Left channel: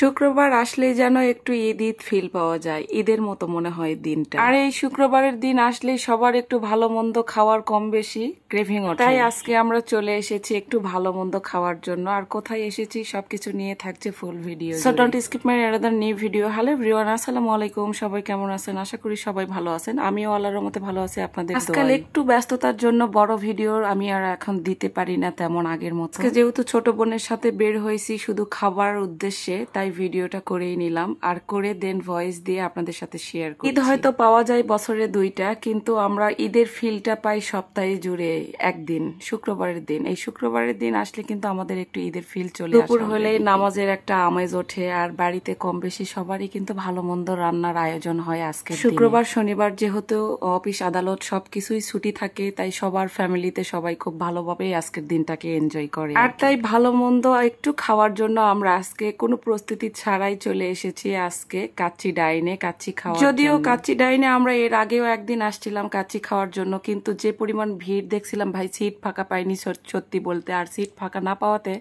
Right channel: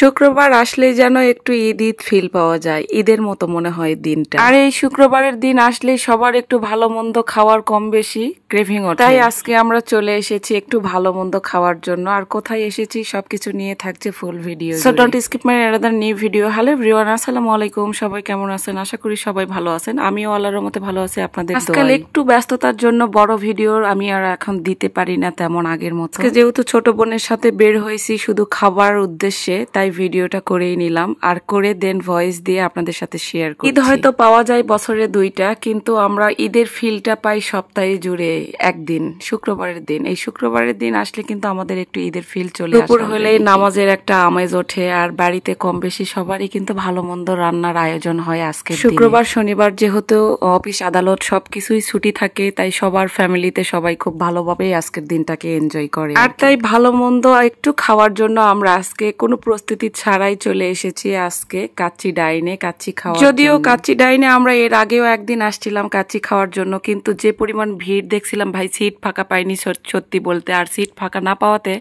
শুক্রবার আসলেই যেন একটু ঈদ ঈদ ফিল পাওয়া যায়, ঈদের মতো মনে হয় দিনটা। আর এই শুক্রবারের দিন আসলেই সবার একটু ভালো মন্দ খাওয়ার কম বেশি ক্রেভিং ওঠে। তাই আজকে আমরা চলে এসেছি একটু ভালো মন্দ খাওয়ার জন্য। আর কোথায় এসেছি সবকিছু নিয়ে থাকছে full video. So don't skip my another new video. Hello everyone, আসসালামু আলাইকুম। সবাই কেমন আছেন? আশা করি সবাই ভালো আছেন। আমিও আল্লাহর মতে ভালো আছি আপনাদের দোয়ায়। আজকাল একটু ব্যস্ততার জন্য বড় ভিডিও আমি আর এখন দিতে পারি না তেমন আগের মতো। যেহেতু ছোট বোনের সাথে বের হয়েছি শুধু খাবার উদ্দেশ্যে, তাই ভিডিওটা করেই নিলাম আর করে দেন ভয়েস দিয়ে আপনাদের সাথে শেয়ার করি। ঈদ হয়তো পাওয়া যায় বছরে দুইটা, কিন্তু আমরা ঈদের ফিলটা পাই সপ্তাহে জুড়ে একদিন, শুক্রবারের দিন। এই শুক্রবারের দিন আসলে কিন্তু আমাদের একটু ঈদের ফিল চলে আসে। দুপুর হলেই নামাজের একটা আমেজ ওঠে আর বাড়িতে কম বেশি সবারই কিন্তু ভালো মন্দ রান্নার আয়োজন হয় আজকে। শুক্রবার শনিবার যেহেতু অফিস আদালত সবকিছুই ছুটি থাকে, তাই সবার ফ্যামিলিতে সবাই খুব ভালোভাবেই আজকের দিনটাকে এনজয় করে। আর তাই ভালো মন্দ একটু খাওয়ার জন্য আমরা আজকে কোনো প্রস্তুতি ছাড়াই চলে এসেছি আজকে কাচ্চি ডাইনে কাচ্চি খাওয়া। যদিও কাচ্চি ডাইনে আমরা এর আগেও একদিন আসছিলাম কাচ্চি খাওয়ার জন্য, কিন্তু যে পরিমাণ ভিড় দেখছিলাম ভাই, সিট ফাঁকা পাইনি সত্যি বলতে। আর সিট ফাঁকা না পাওয়াতে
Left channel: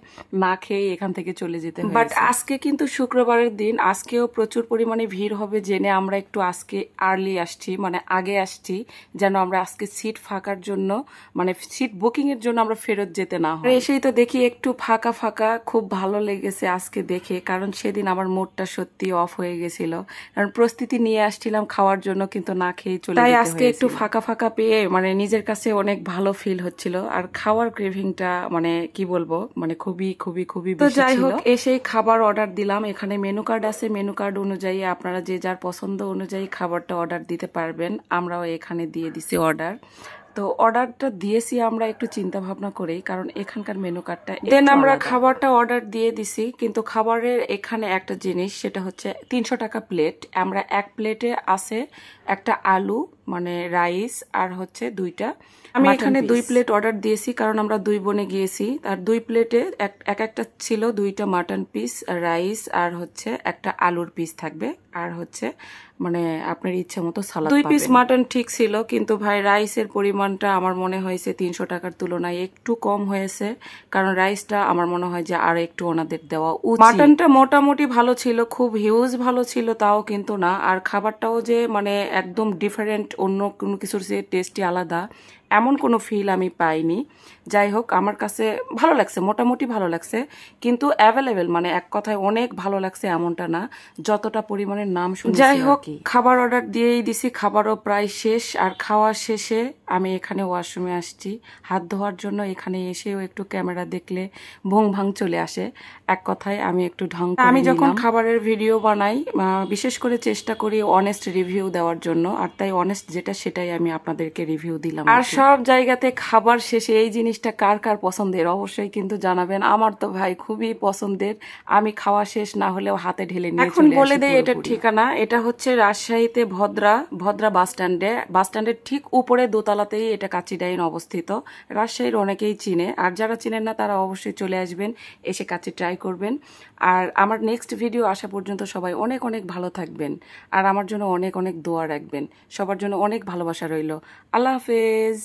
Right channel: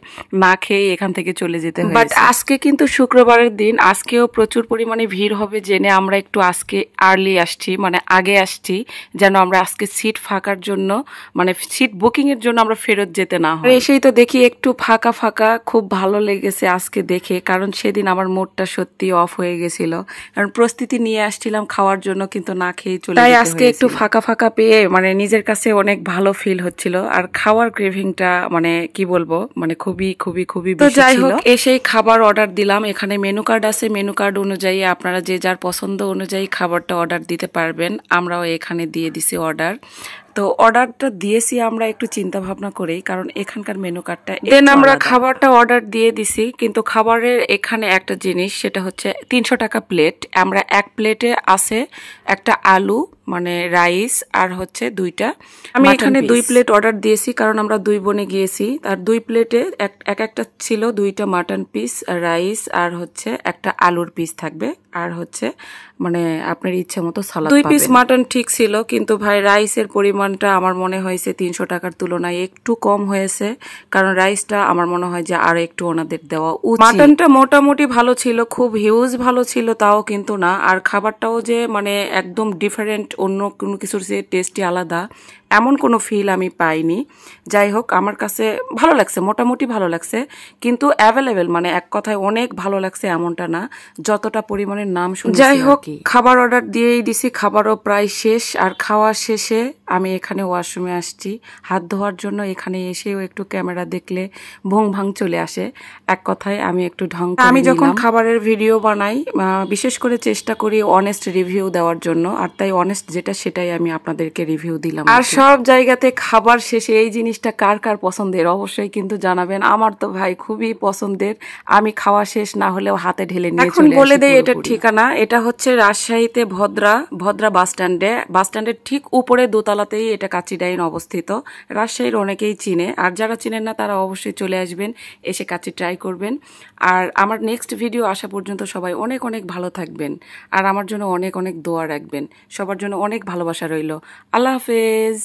না খেয়ে এখান থেকে চলে যেতে হয়। বাট আজকে কিন্তু শুক্রবারের দিন, আজকেও প্রচুর পরিমাণে ভিড় হবে জেনে আমরা একটু আজকে আর্লি আসছি, মানে আগে আসছি, যেন আমরা আজকে সিট ফাঁকার জন্য, মানে সিট বুকিং এর জন্য আমরা ফেরত যেতে না হয়। এসেই তো দেখি একটু ফাঁকা ফাঁকা, খুব ভালো লেগেছে আজকে দেখে, কারণ সেদিন আমার মুডটা সত্যি অফ হয়ে গেছিল। কারণ প্রস্তুতি নিয়ে আসছিলাম খাওয়ার জন্য, কিন্তু না খেয়ে চলে যেতে হয়েছিল। তাই আজকে একটু ফাঁকা ফাঁকা পেয়ে মানে নিজের কাছে অনেক ভালো ফিল হচ্ছিল। আর খাওয়ার ক্রেভিংটা মানে কি বলবো, মানে খুবই খুবই খুবই বেশি ছিল। যাই হোক, এসেই খাবার অর্ডার দিলাম। এখানে মেনু কার্ড আছে, মেনু কার্ড অনুযায়ী আপনারা যে যার পছন্দ অনুযায়ী খাবারটা অর্ডার দিতে পারবেন। আমরাও এখানে দিয়ে দিছি অর্ডার। তো অর্ডারটা দিয়েছি আমরা একটু চিন্তা ভাবনা করেই, কারণ এখানকার মেনু কার্ডটা দেন আমরা খাবারটা অর্ডার দিয়ে দিছি। কিন্তু খাবারের এখানে একটা জিনিস, সেটা হচ্ছে 300 টাকা প্লেট। আমরা এক প্লেটে আছে একটা আলু মানে রাইস আর হচ্ছে দুইটা। আমি এখানে 2 প্লেট অর্ডার দিয়েছি, কারণ আমরা 2 বোনে গিয়েছি। আর 2 প্লেটে একটা ছিল 2টা মাটন পিস, রাইস আর হচ্ছে একটা আলুর পিস থাকবে, আর হচ্ছে মানে আপনার ইচ্ছে মতো সালাদ। 2 পিস মাটন ঠিক ছিল, কিন্তু ভাই রাইসের পরিমাণটা আমার মনে হয়েছে 300 টাকার তুলনায় একটু কম হয়েছে, কারণ রাইসটা আমার মনে হয় যে আরো একটু ওনাদের দেওয়া উচিত। মাটনটা মোটামুটি ভালো ছিল, খুব হিউজ ভালো ছিল তাও কিন্তু না। আর খাবারটাও যে মানে একদম ডিফারেন্ট, অন্য কোনো কিছুর যে টেস্টই আলাদা এমন কোনো ফিল আমি পাইনি। যাই হোক, আমার কাছে ভালো লাগছে, মোটামুটি ভালো লাগছে, কিন্তু অ্যাভেলেবেল মানে এক কথায় অনেক ভালো লাগছে এমনটা না, যতটা পরিমাণের নাম শুনছি। যাই হোক, খাবার অর্ডার দিয়েই দিছি, খাবারও প্রায় শেষ। আর খাওয়ার শেষে আমি এখানে ওয়াশরুমে আসছি হাত ধোয়ার জন্য। এখানে এসেও একটু ক্যামেরা দেখলে ভং ভাং চলে আসে। এক কথায় আমি একটু ঢং। আমি যখন খাবারের ভিডিও বানাই বিশেষ করে চেষ্টা করি অনেস্ট রিভিউ দেওয়ার জন্য, আর তাই অনেস্ট যেটা সেটাই আমি আপনাদেরকে রিভিউ দিলাম। আর সব জায়গাতে খাবার শেষে এই জিনিসটা কার কার পছন্দের অবশ্যই কিন্তু জানাবেন। আমার তো ভাই খুবই পছন্দের, আমি খাওয়া শেষ না হলেও হাতে ঢেলে নিয়ে এখন বলে দেই এটার ঠিকানা। এটা হচ্ছে রাজশাহীতে ভদ্রা বাস স্ট্যান্ডের ঠিক উপরে দোতলাতেই এটা কাচ্চি ডাইন অবস্থিত। রাজশাহীর অনেকেই চিনে, আর যারা চিনেন না তারা অবশ্যই চলে আসবেন, এসে কাচ্চি ট্রাই করবেন। আর আমার নেক্সট ভিডিও আসা পর্যন্ত সবাই অনেক অনেক ভালো থাকবেন, আর আমার জন্য অনেক অনেক দোয়া রাখবেন। সবার জন্য অনেক ভালোবাসা রইল। আল্লাহ হাফেজ।